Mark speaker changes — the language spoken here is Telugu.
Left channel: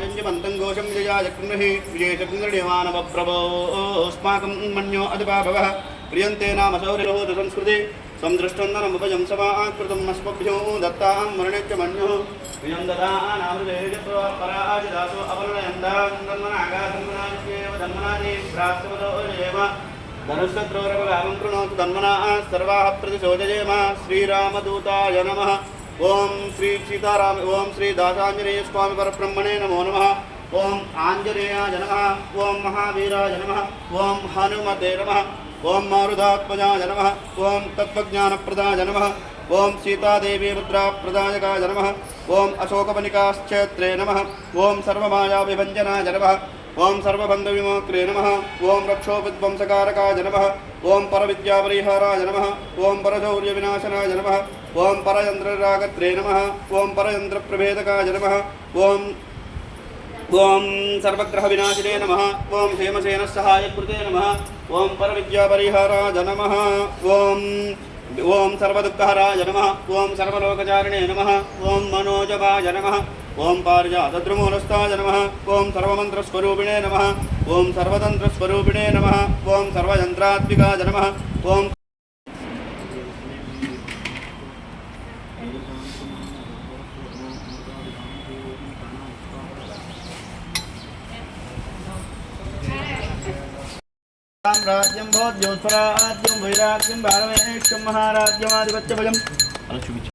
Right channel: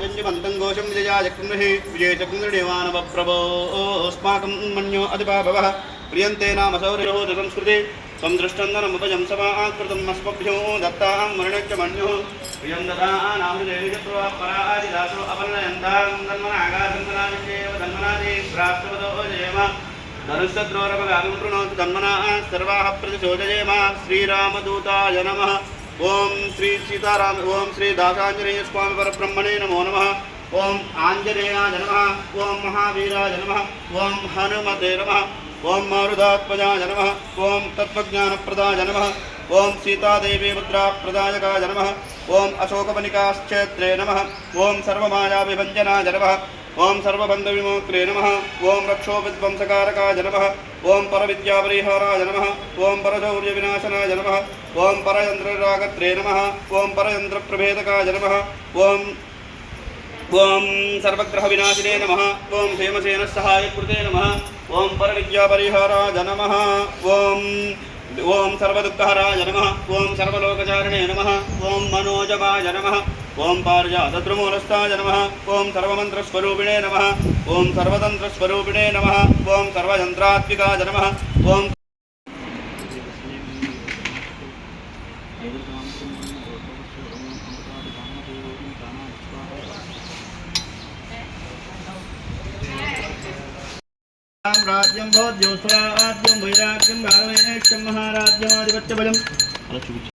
Speaker 1: మంతం ఘోషం విజయాచక్రమహి విజయచక్రమానవప్రభోస్మాకం మన్యో అధిపాభవ ప్రియంతే నామ శౌర్యహోత సంస్కృతి త్వం దృష్టందనముపజం సమాకృతం అస్మభ్యో దత్తాం మరణ్య మన్యో ప్రియం దదానామృతేజపరాజిదాసు అపనయందాం తన్మనాగాధన్మనావిద్యేవ ధన్మనాది ప్రాప్తమతో జయమ ధనుషద్రోరపగాగం ప్రణోతు తన్మనా సర్వాः ప్రతిశోదయేమ శ్రీరామదూతాయ నమః ఓం శ్రీ సీతారామ ఓం శ్రీ దాసాంజనేయ స్వామి పరబ్రహ్మణే నమో నమ ఓం ఆంజనేయాయ నమ ఓం మహావీరాయ నమ ఓం హనుమతే నమ ఓం మారుదాత్మజాయ నమ ఓం తత్వజ్ఞానప్రదాయ నమ ఓం సీతాదేవి ముద్రాప్రదాయకాయ నమ ఓం అశోకవనికాశ్చేత్రే నమ ఓం సర్వమాయావిభంజనాయ నమ ఓం సర్వబంధవిమోక్రే నమ ఓం రక్షోవిధ్వంసకారకాయ నమ ఓం పరవిద్యాపరిహారాయ నమ ఓం పరశౌర్యవినాశనాయ నమ ఓం పరయంత్రరాగత్రే నమ ఓం పరయంత్రప్రభేదకాయ నమ ఓం ఓం సర్వగ్రహ వినాశినే నమ ఓం హేమసేన సహాయ కృతే నమ ఓం పరవిద్యాపరిహారాయ నమ ఓం ఓం సర్వదుఃఖహరాయ నమ ఓం సర్వలోకచారిణే నమ ఓం మనోజమాయ నమ ఓం పారిజాతద్రుమూలస్థాయ నమ ఓం సర్వమంత్రస్వరూపిణే నమ ఓం సర్వతంత్రస్వరూపిణే నమ ఓం సర్వయంత్రాత్మికాయ నమ ఓం రాజ్యం భోజ్యోత్సరాజ్యం వైరాగ్యం భారమేక్షం మహారాజ్యమాధిపత్యభజం అలా చూపించు